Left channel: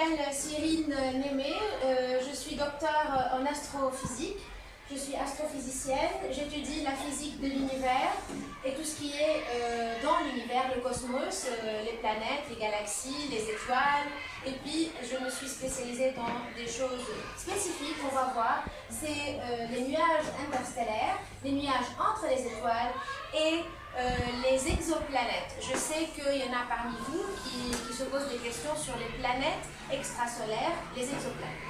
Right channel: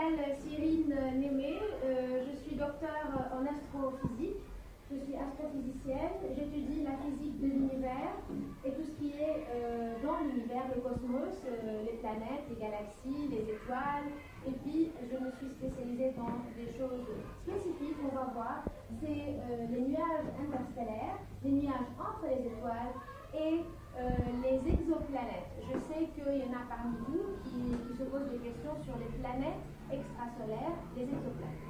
m'appelle Cyrine Némé, je suis docteur en astrophysique, je suis astrophysicienne, j'étudie la physique de l'univers et tout ce qui est dans l'univers, le cosmos, les planètes, les galaxies, les étoiles, et puis je me suis spécialisée dans des choses spécifiques, on va voir, c'est les nuages interstellaires, les nuages entre les étoiles et les exoplanètes. Je sais qu'il y en a parmi vous qui se posent des questions sur les planètes extrasolaires, les exoplanètes.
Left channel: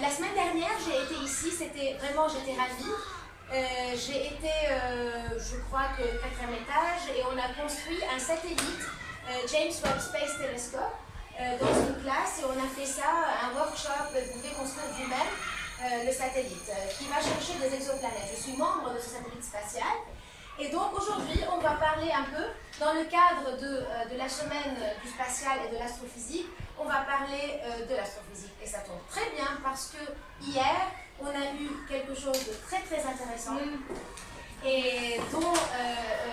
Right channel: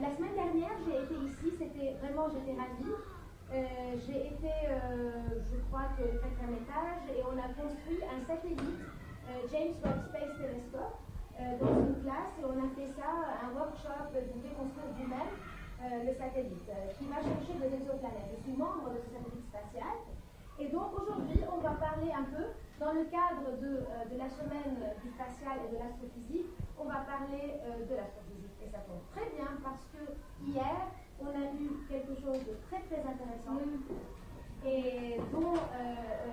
La semaine dernière, j'ai été ici, j'étais ravie. J'ai été, je crois que 4e étage, et on a construit un satellite, James Webb Space Telescope, dans une classe, et on a fait ça, un workshop, vous pouvez construire vous-même le satellite, qui va chercher des exoplanètes. Je suis membre de ce satellite spatial. Et donc aujourd'hui, on va parler un peu, dans le cadre de la semaine du spatial et de l'astrophysique, on va parler de l'astrophysique. Et ça tombe très bien parce que hier, on a eu quelque chose de très très intéressant et dont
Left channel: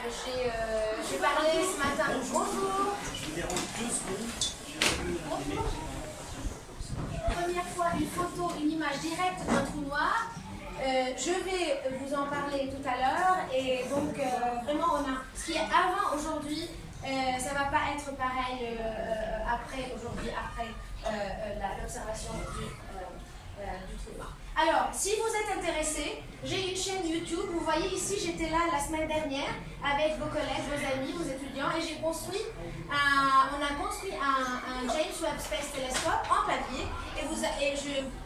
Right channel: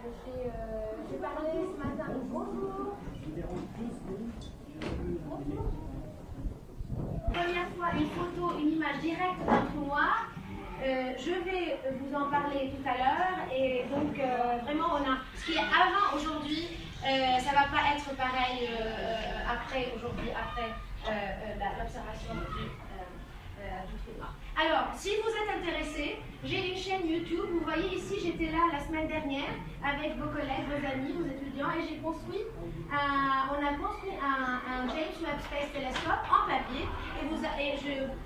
j'ai parlé ce matin. Bonjour. Je vous dérange 2 secondes. Bonjour. Première fois, une photo, une image directe d'un trou noir. Je vais vous en parler tout à l'heure, et donc vraiment on a ce qui est avant aujourd'hui, ça va pas être pareil après aujourd'hui, après l'observation du trou noir. Alors, si vous êtes intéressés, j'ai une chaîne YouTube. Vous voyez ici, j'étais là la semaine dernière avec vos collègues, vos amis, vos étudiants, et j'ai construit on a construit un James Webb Space Telescope en papier, et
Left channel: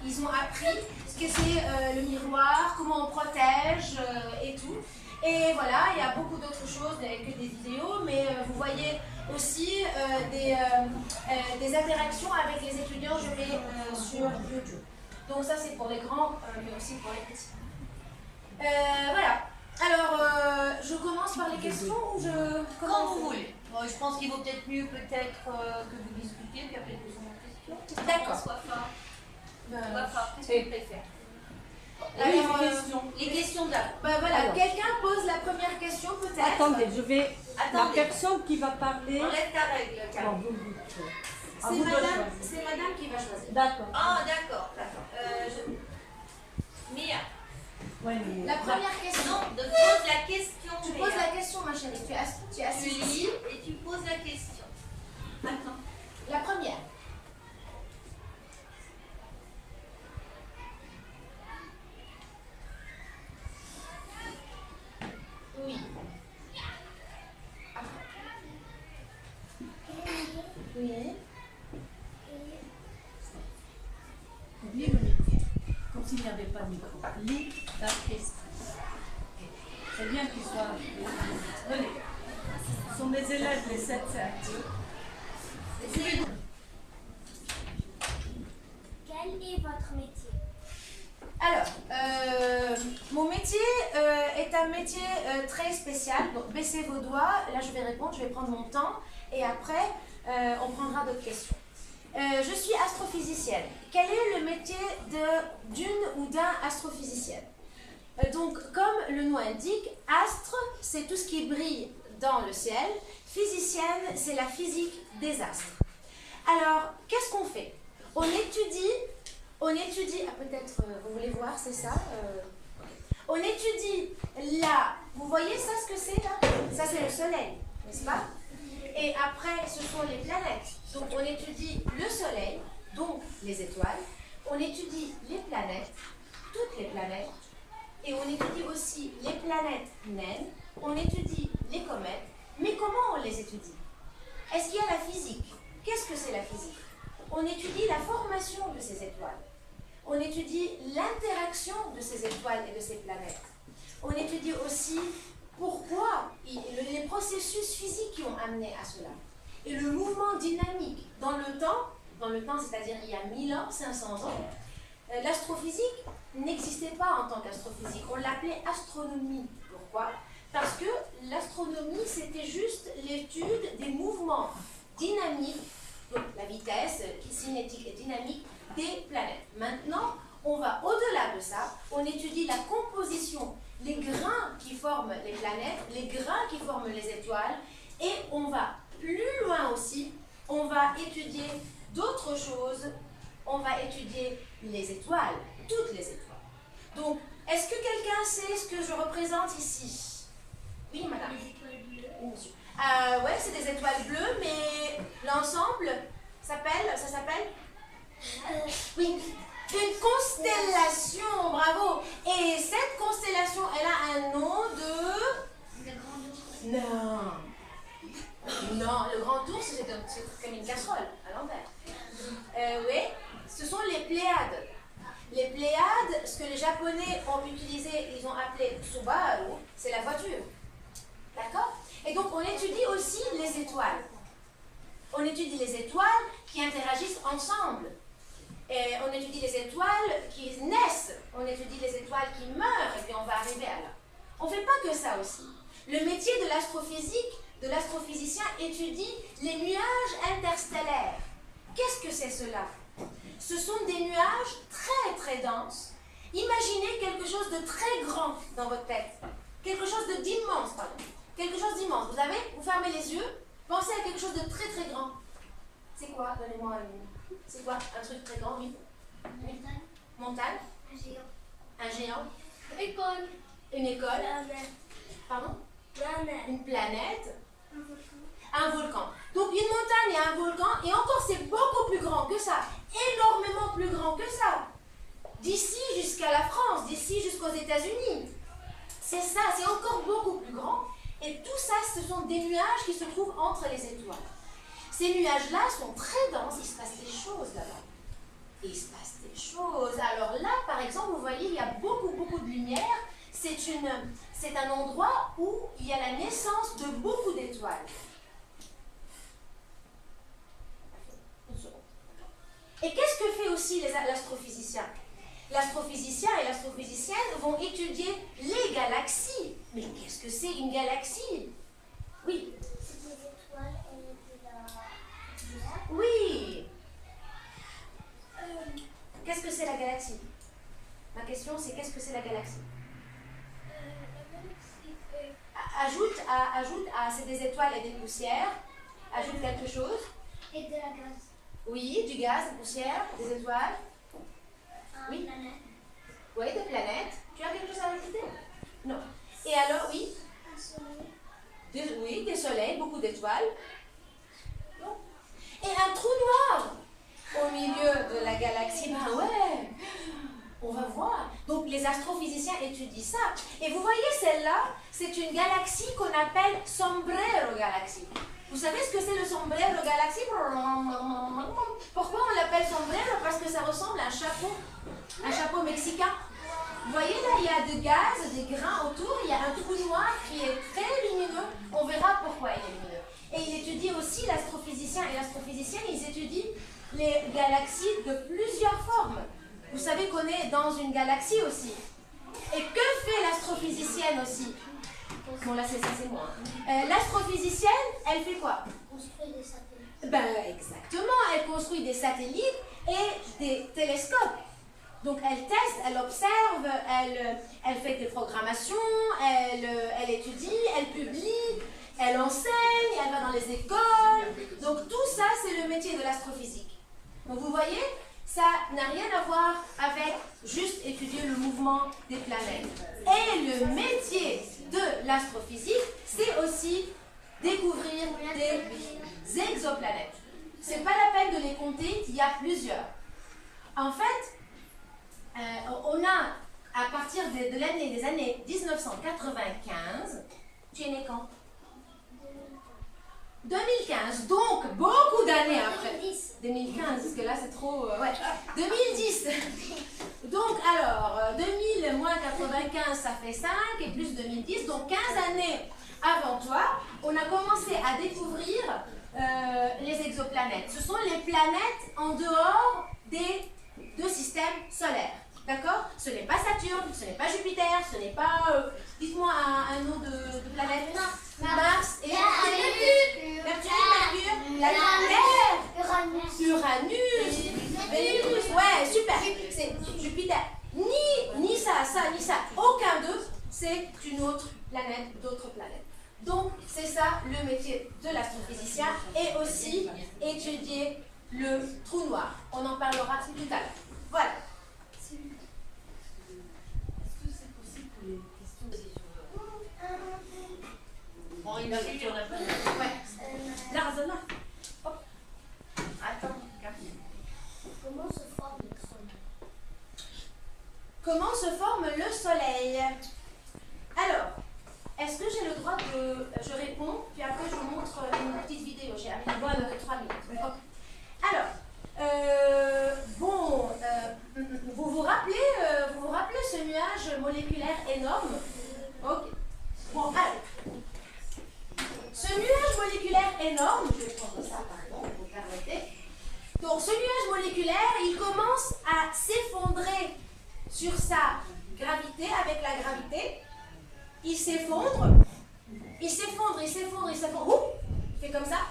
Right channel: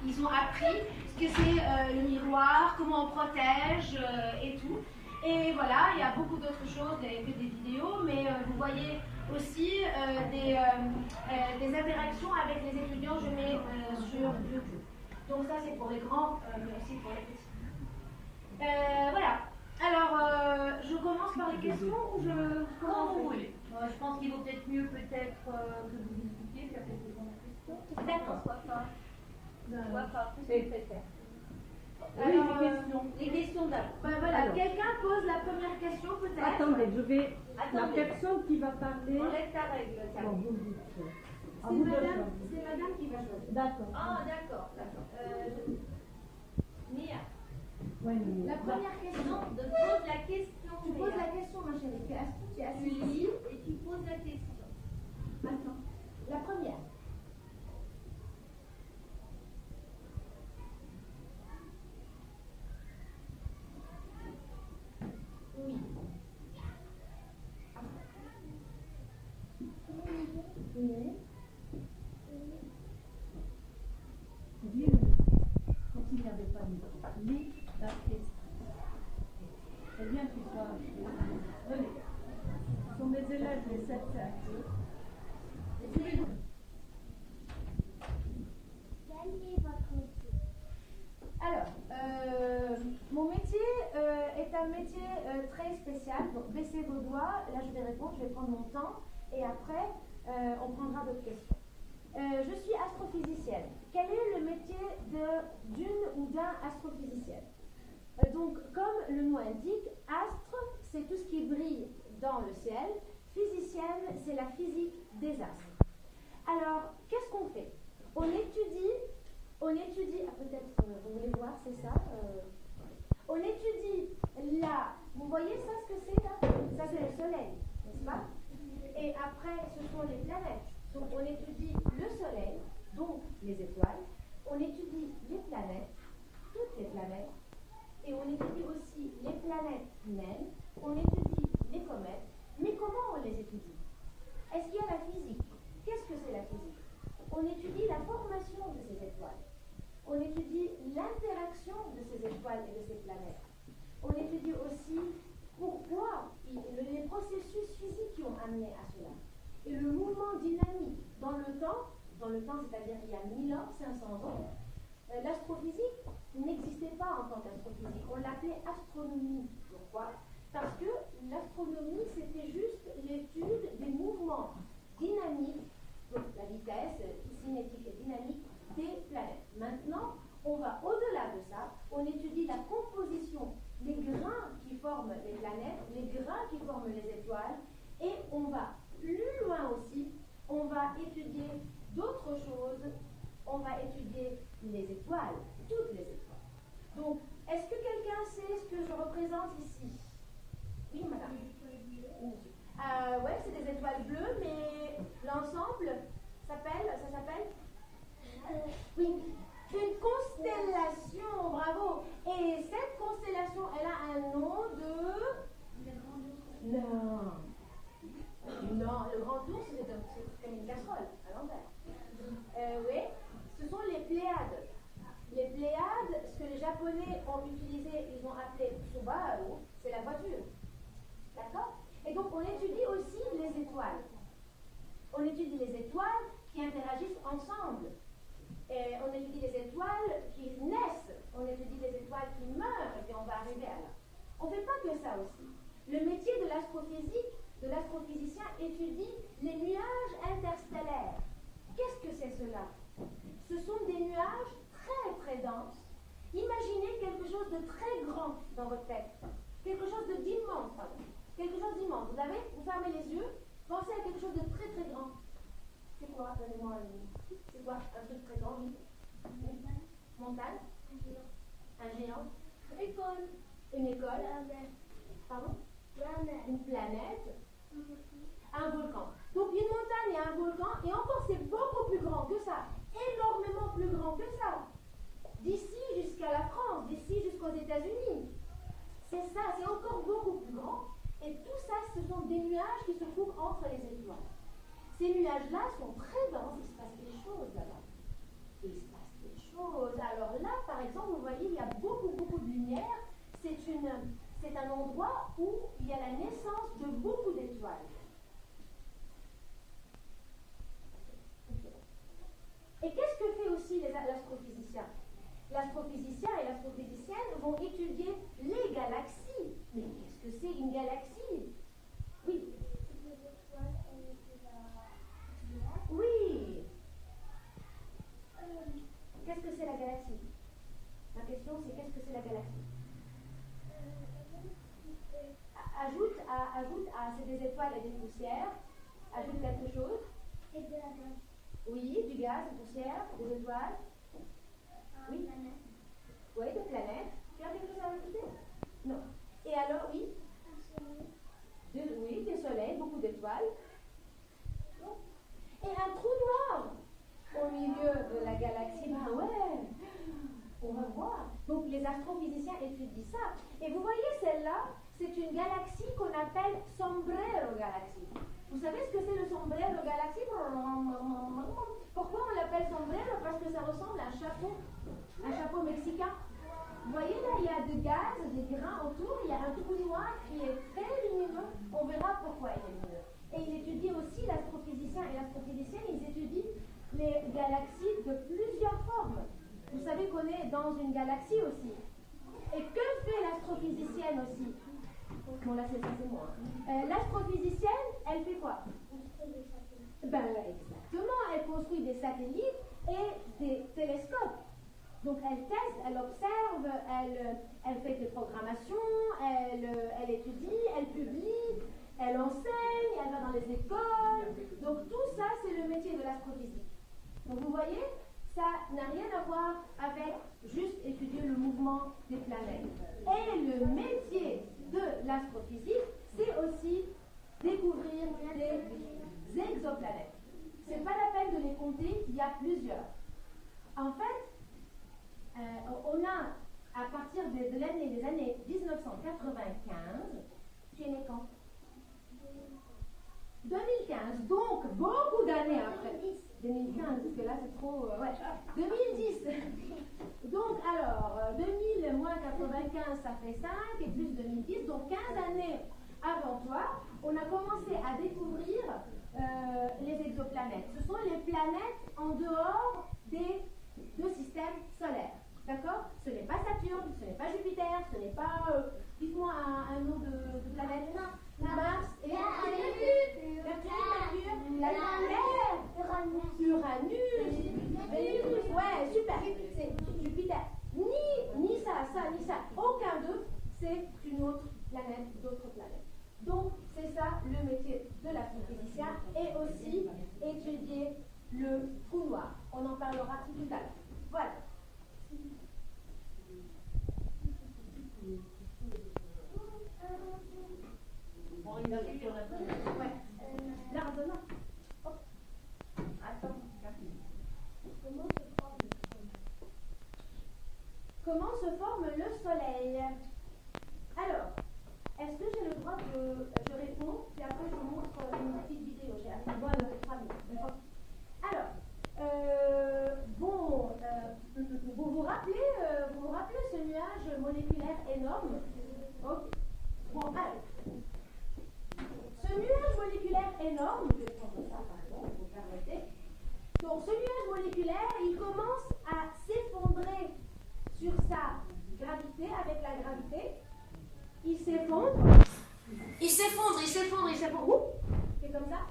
ils ont appris ce que c'est le miroir, comment on protège et tout. Et voilà, il y a beaucoup d'autres choses que des vidéos, mais vous voyez aussi des interactions avec les étudiants, je mets sur YouTube. Donc ça c'est pour les grands, mais aussi pour les petits. Voilà. Alors, je commence par les questions ou je... Quand vous voulez. Je pense qu'il vaut peut-être mieux que vous discutiez, puis après posons la question. D'accord. Qu'est-ce que tu préfères? Alors, les questions d'abord. Voilà, quelqu'un pose la première question peut-être. Attendez, je vais... La personne qui va parler... Enlève ta règle, Carole. C'est madame qui va choisir. D'accord. Ah, d'accord. Mia. Ouais, mais... La première question. Non, pose la question. Tu Mia. poses la question, ma chérie. Tu es Tu assise lis ici. et tu poses la question. Maintenant. La première. Oui. Oui. Lis le micro, comme s'il n'y avait pas de micro. Lis ta question. C'est bien qu'ils soient... Venez. Ce sont mes élèves, les 7-7. Quel est votre métier? Alors, mon métier est un métier très spécial. Donc, baissez vos doigts. Là, je vais répondre. Je vais prendre mon temps. Et après, on prendra d'autres questions. Je suis astrophysicienne. Quel est le métier d'une ou d'un astrophysicien? Donc, comme le nom indique, astre, c'est tout ce qui brille dans le ciel. Physicienne, c'est la physique des astres. Alors, qu'est-ce qu'on fait? On étudie, peut-être vous voulez voir, c'est ça? On étudie là, vous voyez ça, ce que c'est là? Ça, c'est le soleil, n'est-ce pas? Et après, ce sont les planètes. Donc, on étudie le soleil, donc les étoiles. On étudie les planètes, toutes les planètes. Et on étudie aussi les planètes naines. On étudie les comètes. Mais comment on les étudie? Est-ce qu'il y a la physique? Qu'est-ce que c'est la physique? On étudie la formation de ces étoiles. On étudie l'interaction de ces étoiles et de ces planètes. On étudie aussi pourquoi, les processus physiques qui ont amené à cela. Et le mouvement dynamique dans le temps, c'est-à-dire il y a 1000 ans, 500 ans, l'astrophysique n'existait pas en tant qu'astrophysique. On l'appelait astronomie. Pourquoi? Parce que l'astronomie, c'était juste l'étude des mouvements dynamiques, donc la vitesse cinétique et dynamique des planètes. Maintenant, on va au-delà de ça, on étudie la composition, les grains qui forment les planètes, les grains qui forment les étoiles, et on va plus loin aussi, on va étudier d'autres choses, on va étudier les étoiles, toutes les étoiles. Donc, est-ce que quelqu'un sait ce que je représente ici? Oui, madame. Oui, monsieur. Ouais, c'est des étoiles bleues, mais l'ensemble ça s'appelle oui, une constellation, bravo. Et cette constellation, elle a un nom de... Non. Non, le grand ours, c'est comme une casserole à l'envers. Oui, ce sont les Pléiades. Les Pléiades, ce que les Japonais ont utilisé, ils ont appelé Subaru, c'est la voiture. D'accord? Et donc, on étudie aussi les étoiles. On étudie les étoiles qui interagissent ensemble. Et on étudie les étoiles qui naissent. On étudie les étoiles qui meurent. Et puis, on va arriver à là. On ne fait pas que ça aussi. Le métier de l'astrophysique, de l'astrophysicien, étudie les nuages interstellaires. Qu'est-ce que c'est cela? Ce sont des nuages très, très denses. Imaginez quelque chose de très grand dans votre tête. Quelque chose d'immense, pardon. Quelque chose d'immense. Vous fermez les yeux, pensez à quelque chose de très très grand. C'est quoi? Donnez-moi une. C'est quoi? Un truc très grand, oui. Montagne. Un géant. Un géant. École. Une école. Planète. Pardon? Planète. Une planète. Un volcan. Un volcan. Donc une montagne et un volcan, et encore c'est beaucoup plus grand que ça. Énormément plus grand que ça. D'ici jusqu'à la France, d'ici jusqu'aux États-Unis. C'est ça, c'est encore beaucoup plus grand. Et tout ça, ce sont des nuages qui se trouvent entre les étoiles. Ces nuages-là sont très denses, il se passe des choses là-bas. Et il se passe des choses. Alors là, par exemple, vous voyez, il y a beaucoup, beaucoup de lumière. C'est un endroit où il y a la naissance de beaucoup d'étoiles. Et qu'est-ce que fait aussi l'astrophysicien? L'astrophysicien et l'astrophysicienne vont étudier les galaxies. Mais qu'est-ce que c'est une galaxie? Oui. C'est des étoiles de la... Oui. Qu'est-ce que c'est la galaxie? Ma question, c'est qu'est-ce que c'est la galaxie? Ajoute à c'est des étoiles et des poussières. Ajoute quelque chose. Et de la gaz. Oui, du gaz, des poussières, des étoiles. Oui. Planète. Oui, des planètes. Tu as quelque chose à rajouter? Non. Et alors, oui? Un soleil. Oui, des soleils, beaucoup d'étoiles. Et un trou noir au milieu de la galaxie. Ben ouais, on va voir. Donc les astrophysiciens étudient ça. Et vous voyez celle-là, c'est une galaxie qu'on appelle Sombrero Galaxy. Vous savez ce que c'est le Sombrero Galaxy? Pourquoi on l'appelle Sombrero? Parce que ça ressemble à un chapeau mexicain. Vous voyez là, il y a du gaz, des grains autour, il y a un trou noir qui est très lumineux. On verra pourquoi il est lumineux. Et il étudie aussi, l'astrophysicien et l'astrophysicienne, ils étudient les galaxies de plusieurs formes. Vous savez qu'on est dans une galaxie aussi. Et que fait l'astrophysicienne aussi? Bon là c'est ça, c'est moi. L'astrophysicienne, elle fait quoi? Construire des satellites. Ben exactement, elle construit des satellites et des télescopes. Donc elle teste, elle observe, elle fait des programmations, elle étudie, elle publie, elle enseigne, elle va dans les écoles. Donc tout ça, c'est le métier de l'astrophysique. Donc vous voyez, ça n'a rien à voir avec juste étudier le mouvement des planètes. Et le métier de l'astrophysique, c'est aussi découvrir des exoplanètes. C'est pas la peine de les compter, il y a plusieurs. En fait, on a, à partir des années 1995, tu es né quand? 2015, donc beaucoup d'années après. 2015, parce que là c'est trop... ouais, 2010. Donc alors, 2000 moins 95, ça fait 5, et plus 2010, donc 15 années avant toi, on a commencé à découvrir les exoplanètes. Ce sont les planètes en dehors des deux systèmes solaires. D'accord? Ce n'est pas Saturne, ce n'est pas Jupiter, ce n'est pas... dites-moi un nom de planète. Mars et Neptune, Mercure, la Terre, Uranus, Vénus, ouais, super. C'est Jupiter. Ni ça. Aucun d'eux, c'est une autre planète, d'autres planètes. Donc, c'est ça le métier de l'astrophysicien et aussi étudier le trou noir. On en parlera tout à l'heure. Voilà. Bon, il a dit qu'il y en a pas. Ouais. Là. Attends, regarde. Comment se forme le soleil? Comment se forme le soleil? Alors, est-ce que j'ai le droit de... Je réponds, puis après je vous montre une petite vidéo. J'ai amené une bonne de 3 minutes. Alors, vous vous rappelez ce nuage moléculaire énorme? Ok. Bon, allez. Ce nuage moléculaire énorme, je vais prendre ça, pardon, vous permettez. Donc, ce nuage moléculaire, il commence à s'effondrer sur sa gravité, avec la gravité. Il s'effondre. Ouh, il fait comme ça.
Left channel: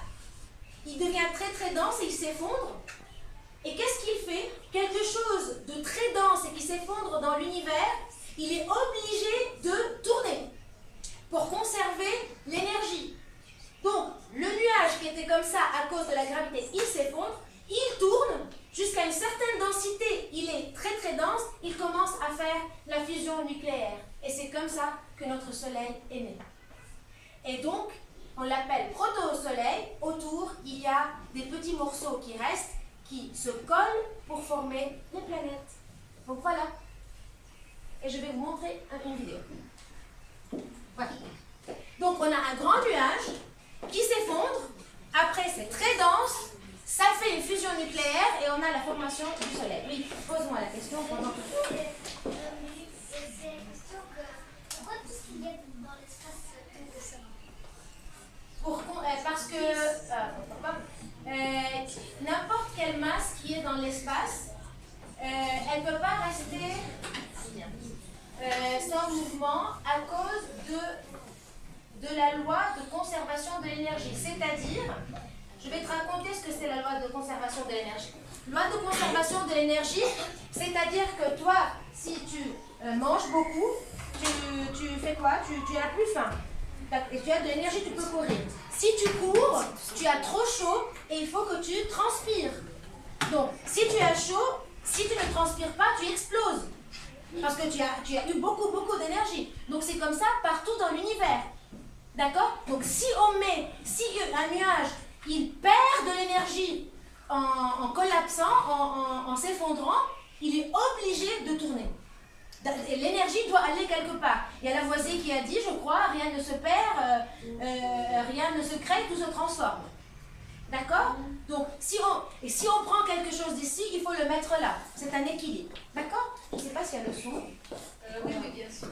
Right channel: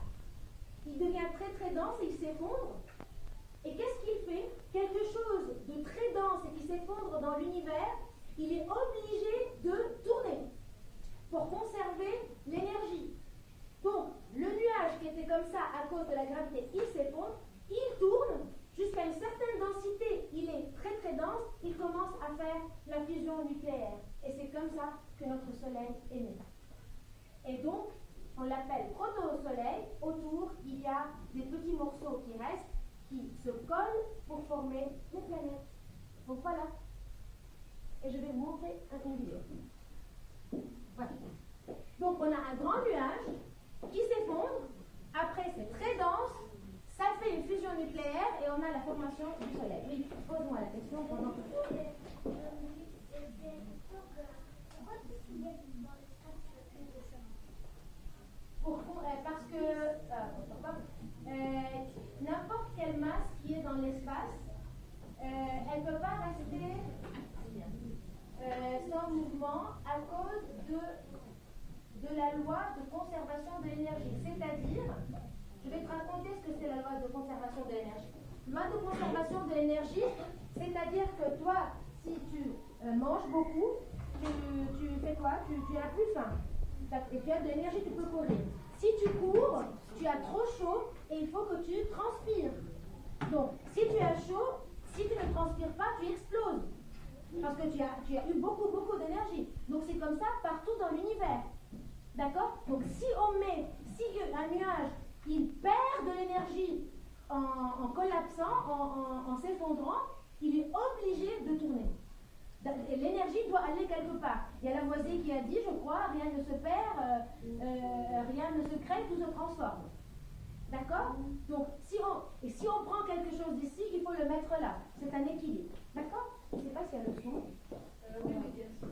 Il devient très très dense et il s'effondre. Et qu'est-ce qu'il fait? Quelque chose de très dense et qui s'effondre dans l'univers, il est obligé de tourner pour conserver l'énergie. Donc, le nuage qui était comme ça à cause de la gravité, il s'effondre, il tourne jusqu'à une certaine densité. Il est très très dense, il commence à faire la fusion nucléaire. Et c'est comme ça que notre Soleil est né. Et donc, on l'appelle proto-soleil. Autour, il y a des petits morceaux qui restent, qui se collent pour former les planètes. Donc voilà. Et je vais vous montrer une vidéo. Voilà. Donc on a un grand nuage qui s'effondre. Après, c'est très dense. Ça fait une fusion nucléaire et on a la formation du Soleil. Oui, pose-moi la question pendant que... C'est la question que pourquoi tout ce qu'il y a dans l'espace est ça? Parce que n'importe quelle masse qui est dans l'espace, elle ne peut pas rester sans mouvement à cause de la loi de conservation de l'énergie. C'est-à-dire, je vais te raconter ce que c'est la loi de conservation de l'énergie. Loi de conservation de l'énergie, c'est-à-dire que toi, si tu manges beaucoup, tu fais quoi? Tu n'as plus faim. Et tu as de l'énergie, tu peux courir. Si tu cours, tu as trop chaud et il faut que tu transpires. Donc, si tu as chaud, si tu ne transpires pas, tu exploses. Parce que tu as eu beaucoup d'énergie. Donc, c'est comme ça partout dans l'univers. D'accord? Donc, si un nuage, il perd de l'énergie en collapsant, en s'effondrant, il est obligé de tourner. L'énergie doit aller quelque part. Il y a Lavoisier qui a dit, je crois, rien ne se perd, rien ne se crée, tout se transforme. D'accord? Donc, si on prend quelque chose d'ici, il faut le mettre là. C'est un équilibre. D'accord? Je ne sais pas s'il y a le son. Oui, bien sûr.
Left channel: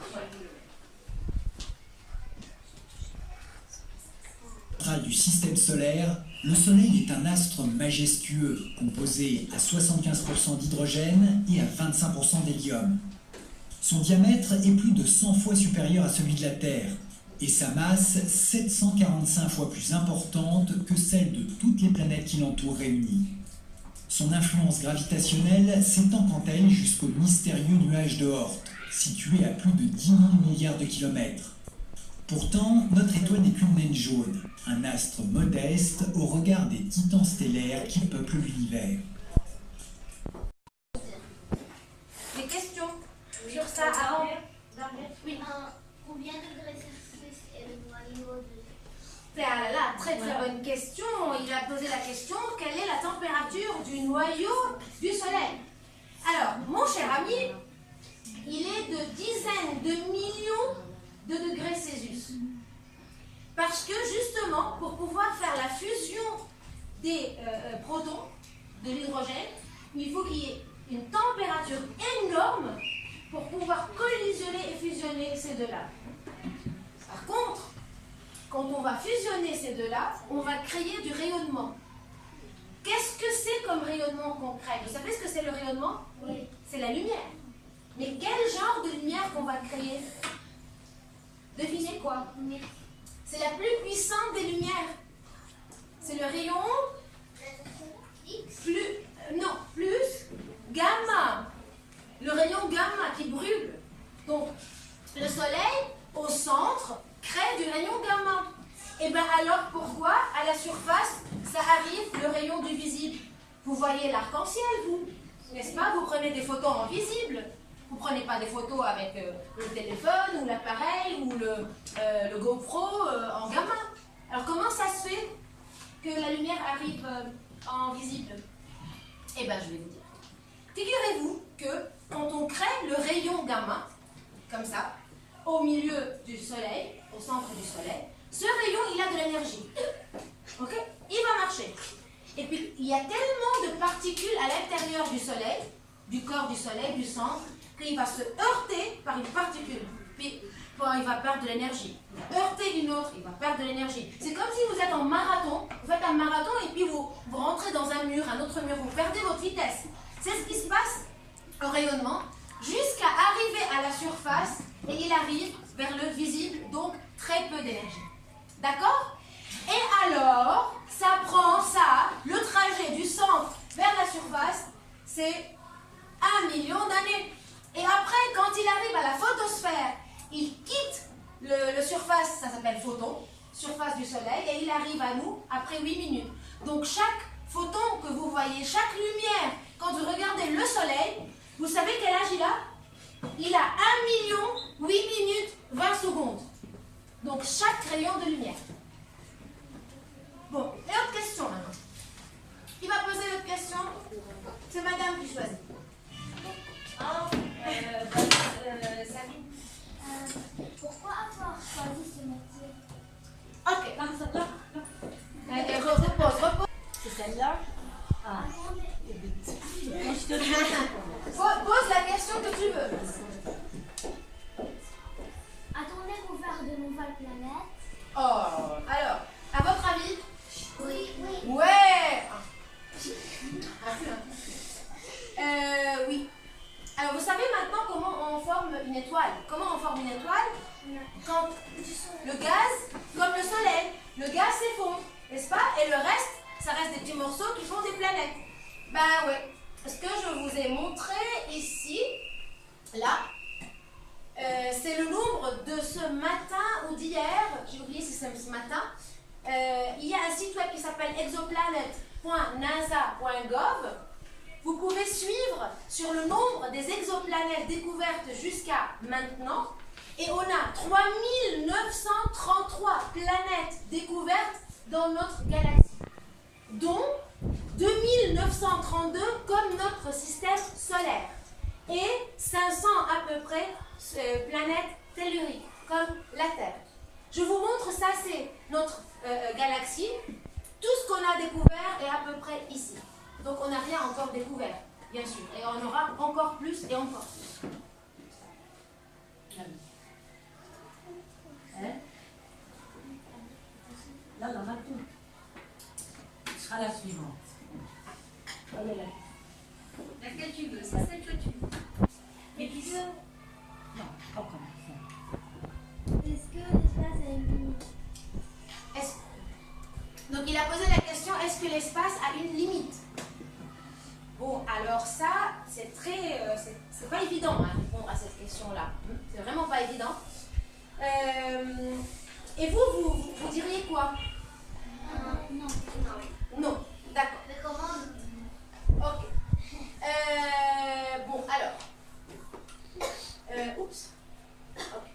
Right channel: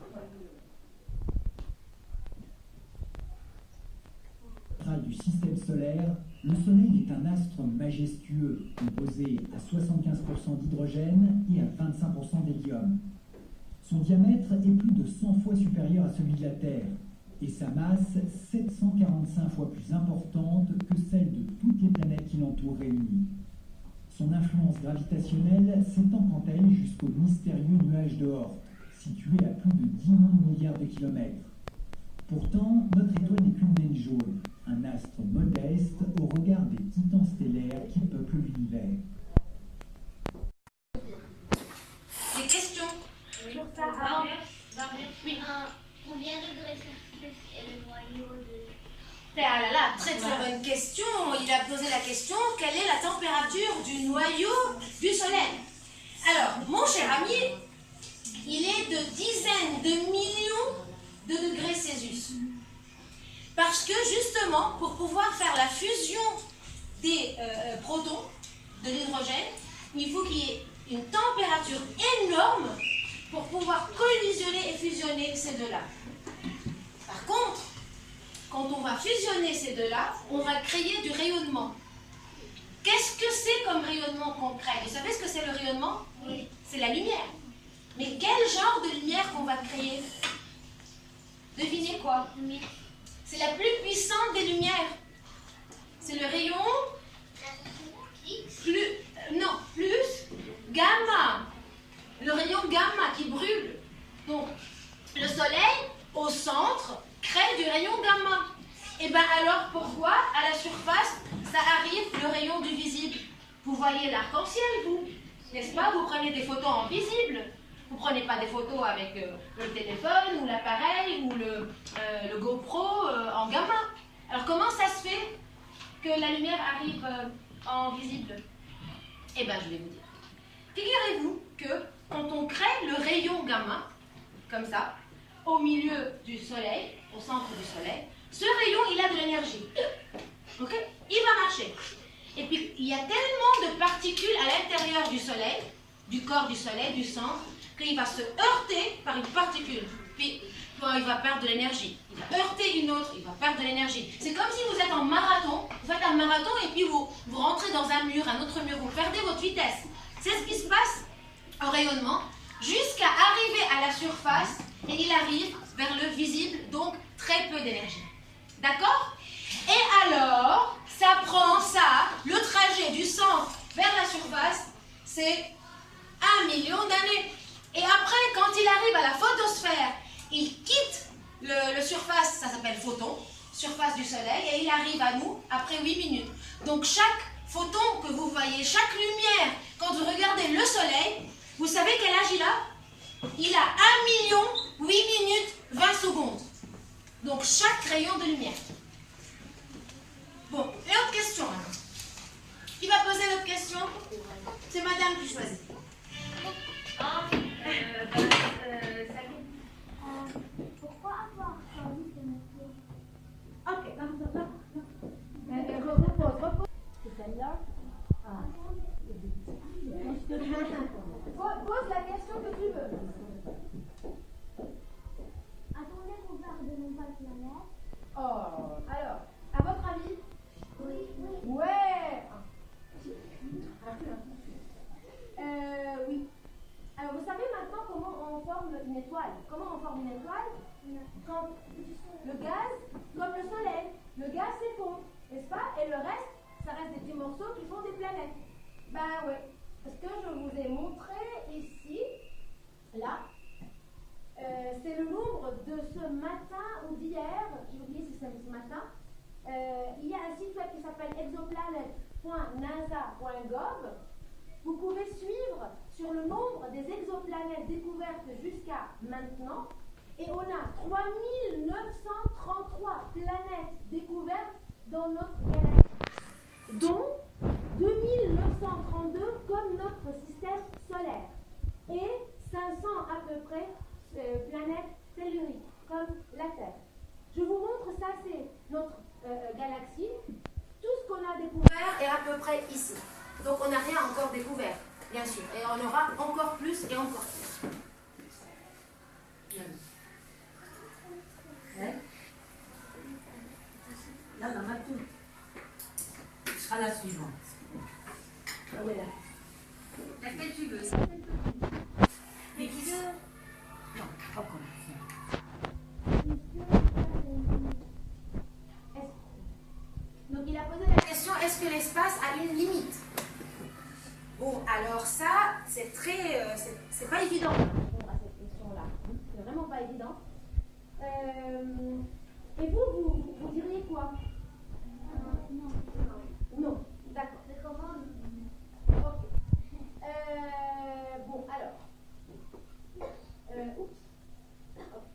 Du système solaire, le Soleil est un astre majestueux composé à 75% d'hydrogène et à 25% d'hélium. Son diamètre est plus de 100 fois supérieur à celui de la Terre et sa masse 745 fois plus importante que celle de toutes les planètes qui l'entourent réunies. Son influence gravitationnelle s'étend quant à elle jusqu'au mystérieux nuage de Oort, situé à plus de 10 000 milliards de kilomètres. Pourtant, notre étoile n'est qu'une naine jaune, un astre modeste au regard des titans stellaires qui peuplent l'univers. Des questions sur ça avant? Oui. Combien de degrés Celsius est le noyau de... Ah là là, très bonne question. Il a posé la question, quelle est la température du noyau du Soleil? Alors, mon cher ami, il est de dizaines de millions de degrés Celsius. Parce que justement, pour pouvoir faire la fusion des protons, de l'hydrogène, il faut qu'il y ait une température énorme pour pouvoir collisionner et fusionner ces deux-là. Par contre, quand on va fusionner ces deux-là, on va créer du rayonnement. Qu'est-ce que c'est comme rayonnement qu'on crée? Vous savez ce que c'est le rayonnement? Oui. C'est la lumière. Mais quel genre de lumière qu'on va créer? Devinez quoi? C'est la plus puissante des lumières. C'est le rayon plus gamma. Le rayon gamma qui brûle. Donc, le soleil, au centre, crée du rayon gamma. Et bien alors, pourquoi, à la surface, ça arrive le rayon du visible? voyez l'arc-en-ciel, vous, n'est-ce pas? Vous prenez des photos en visible. Vous ne prenez pas des photos avec le téléphone ou l'appareil ou le GoPro en gamma. Alors comment ça se fait que la lumière arrive en visible? Eh bien, je vais vous dire. Figurez-vous que quand on crée le rayon gamma, comme ça, au milieu du soleil, au centre du soleil, ce rayon, il a de l'énergie. Ok? Il va marcher. Et puis, il y a tellement de particules à l'intérieur du soleil, du corps du soleil, du centre, qu'il va se heurter par une particule. Puis, il va perdre de l'énergie. Il va heurter une autre, il va perdre de l'énergie. C'est comme si vous êtes en marathon, vous faites un marathon et puis vous rentrez dans un mur, un autre mur, vous perdez votre vitesse. C'est ce qui se passe au rayonnement, jusqu'à arriver à la surface, et il arrive vers le visible, donc très peu d'énergie. D'accord? Et alors, ça prend ça, le trajet du centre vers la surface, c'est 1 million d'années. Et après, quand il arrive à la photosphère, il quitte le surface, ça s'appelle photon, surface du soleil, et il arrive à nous après 8 minutes. Donc chaque photon que vous voyez, chaque lumière, quand vous regardez le soleil, vous savez quel âge il a? Il a 1 million, 8 minutes, 20 secondes. Donc chaque rayon de lumière. Bon, et autre question maintenant. Qui va poser l'autre question? C'est madame qui choisit. Salut. Pourquoi avoir choisi ce métier? Ok. Repose. C'est celle-là? Ah. Moi, je te Pose la question que tu veux. Attendez-vous vers de nouvelles planètes? Oh, alors, à votre avis? Oui. Ouais. Oui. Alors, vous savez maintenant comment on forme une étoile? Comment on forme une étoile? Quand le gaz, comme le soleil, le gaz s'effondre, n'est-ce pas? Et le reste, ça reste des petits morceaux qui font des planètes. Ben ouais. Ce que je vous ai montré ici, là, c'est le nombre de ce matin ou d'hier, j'ai oublié si c'est ce matin. Il y a un site web qui s'appelle exoplanet.nasa.gov. Vous pouvez suivre sur le nombre des exoplanètes découvertes jusqu'à maintenant. Et on a 3933 planètes découvertes dans notre galaxie, dont 2932 comme notre système solaire et 500 à peu près planètes telluriques comme la Terre. Je vous montre ça, c'est notre galaxie. Tout ce qu'on a découvert est à peu près ici. Donc on n'a rien encore découvert, bien sûr. Et on aura encore plus et encore plus. Hein? Là, on en a tout. Ce sera la suivante. Laquelle tu veux? C'est celle que tu veux. Mais qui veut? Non, pas comme ça. Est-ce que l'espace a une limite? Donc il a posé la question, est-ce que l'espace a une limite? Bon, alors ça, c'est très... c'est pas évident de répondre à cette question-là. C'est vraiment pas évident. Et vous diriez quoi? Non. Non, d'accord. Mais comment? Ok. Bon, alors. Oups. Ok.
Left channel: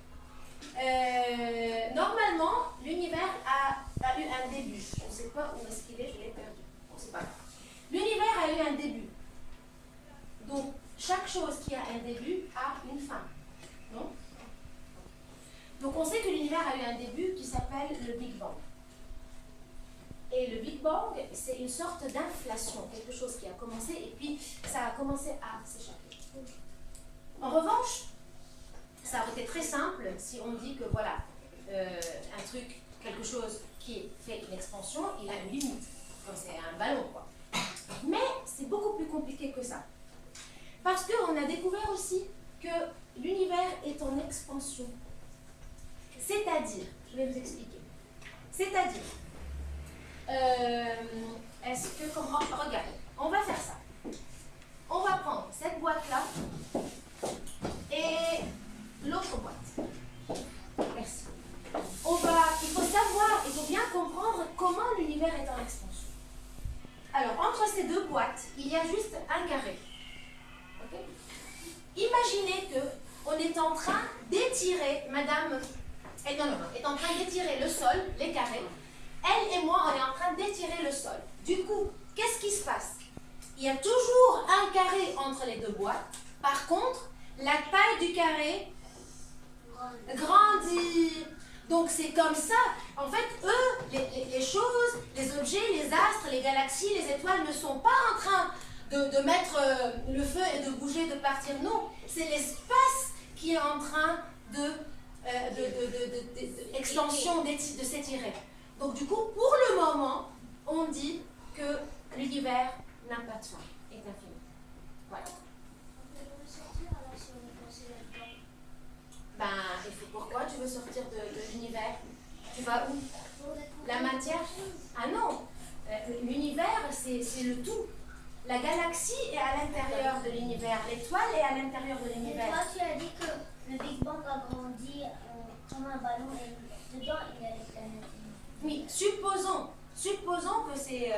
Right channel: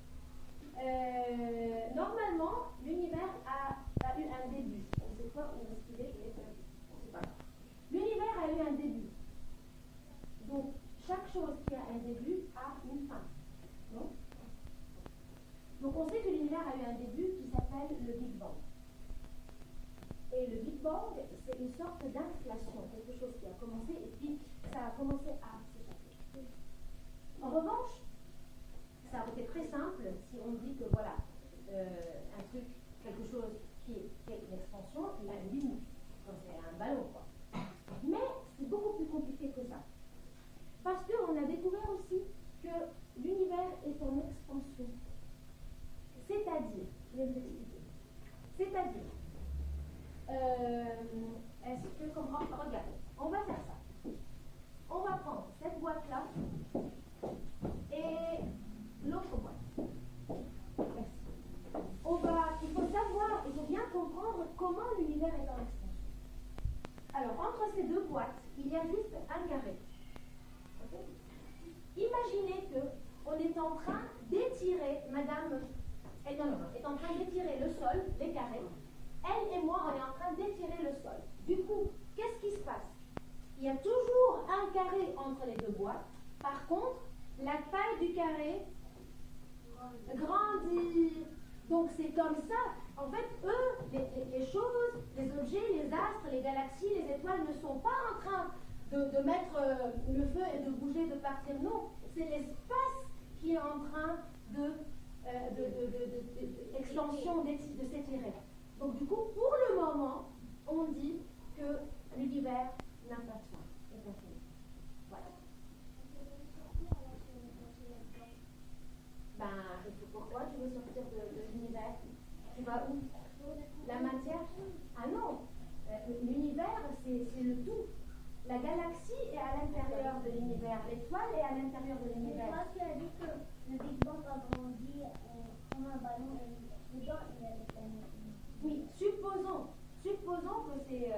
Normalement, l'univers a eu un début. Je ne sais pas où est-ce qu'il est, je l'ai perdu. Bon, c'est pas grave. L'univers a eu un début. Donc, chaque chose qui a un début a une fin. Non? Donc, on sait que l'univers a eu un début qui s'appelle le Big Bang. Et le Big Bang, c'est une sorte d'inflation, quelque chose qui a commencé et puis ça a commencé à s'échapper. En revanche, ça aurait été très simple si on dit que voilà, un truc, quelque chose qui fait une expansion, il a une limite, comme c'est un ballon, quoi. Mais c'est beaucoup plus compliqué que ça. Parce qu'on a découvert aussi que l'univers est en expansion. C'est-à-dire, je vais vous expliquer. C'est-à-dire, est-ce que, regardez, on va faire ça. On va prendre cette boîte-là et l'autre boîte. Merci. Il faut savoir, il faut bien comprendre comment l'univers est en expansion. Alors, entre entre ces deux boîtes, il y a juste un carré. Ok? Imaginez que on est en train d'étirer, madame, est en train d'étirer le sol, les carrés. Elle et moi, on est en train d'étirer le sol. Du coup, qu'est-ce qui se passe? Il y a toujours un carré entre les deux boîtes. Par contre, la taille du carré grandit. Donc c'est comme ça. En fait, eux, les choses, les objets, les astres, les galaxies, les étoiles ne sont pas en train de mettre le feu et de bouger, de partir. Non, c'est l'espace qui est en train d'expansion, de s'étirer. Donc du coup, pour le moment, on dit que l'univers n'a pas de fin, est infini. Voilà. Ben, et pourquoi tu veux sortir de l'univers? Tu vas où? La matière? Ah non, l'univers, c'est le tout. La galaxie est à l'intérieur de l'univers, l'étoile est à l'intérieur de Et l'univers. toi, tu as dit que le Big Bang a grandi comme un ballon et dedans il y a les planètes. Oui, supposons que c'est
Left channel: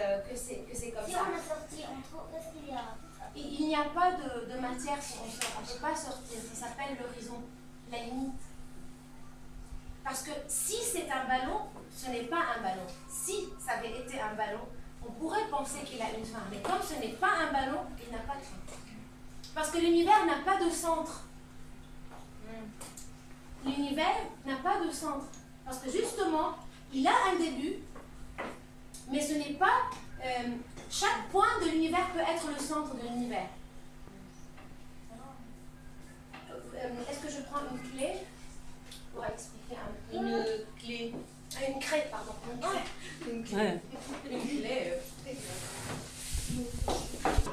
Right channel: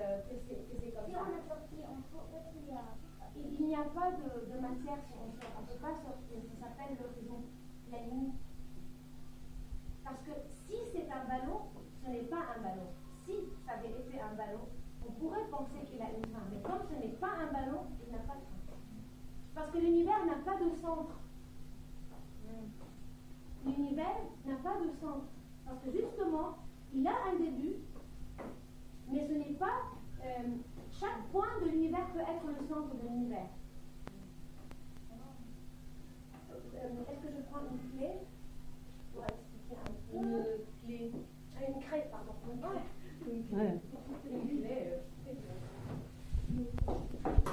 comme Si ça. on a sorti, on trouve qu'est-ce qu'il y a? Il n'y a pas de matière si on sort. On ne peut pas sortir. Ça s'appelle l'horizon, la limite. Parce que si c'est un ballon, ce n'est pas un ballon. Si ça avait été un ballon, on pourrait penser qu'il a une fin. Mais comme ce n'est pas un ballon, il n'a pas de fin. Parce que l'univers n'a pas de centre. L'univers n'a pas de centre. Parce que justement, il a un début, mais ce n'est pas... chaque point de l'univers peut être le centre de l'univers. Est-ce que je prends une clé pour expliquer un peu? Une clé. Une craie, pardon. Une clé. Ouais. Une clé.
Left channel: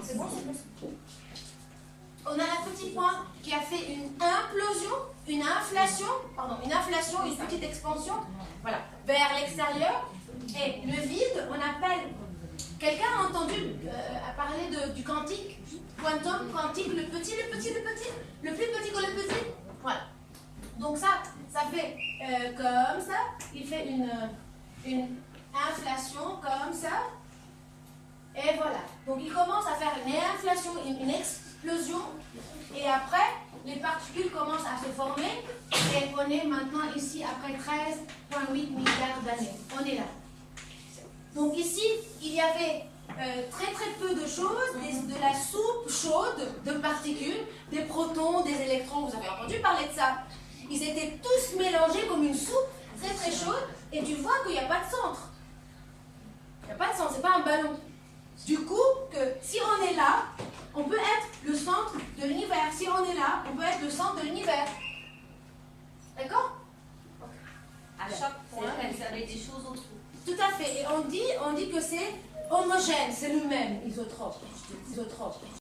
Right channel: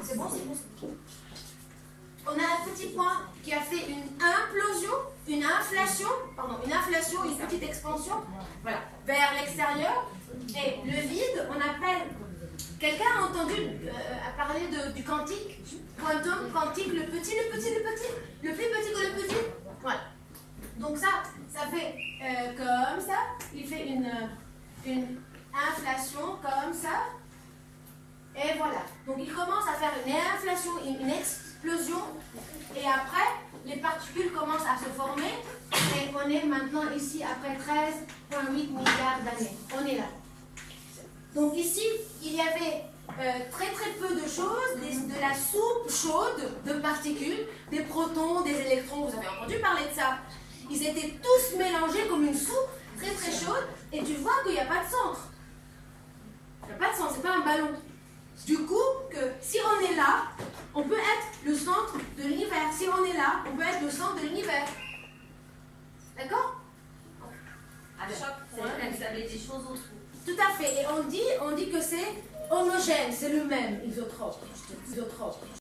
C'est bon, c'est bon. On a un petit point qui a fait une implosion, une inflation, une petite expansion, voilà, vers l'extérieur. Et le vide, on appelle. Quelqu'un a entendu parler du quantique, quantum, quantique, le plus petit que le petit. Voilà. Donc ça fait comme ça. Il fait une inflation comme ça. Et voilà. Donc il commence à faire une inflation, une explosion. Et après, les particules commencent à se former. Et on est maintenant ici après 13,8 milliards d'années. On est là. Donc ici, il y avait très très peu de choses, de la soupe chaude de particules, des protons, des électrons. Vous avez entendu parler de ça? Ils étaient tous mélangés comme une soupe très très chaude. Et tu vois qu'il n'y a pas de centre. Il n'y a pas de centre, c'est pas un ballon. Du coup, que si on est là, on peut être le centre de l'univers. Si on est là, on peut être le centre de l'univers. D'accord? À chaque point, vous avez des choses autour. Tout à fait. Et on dit que c'est homogène, c'est le même, isotrope.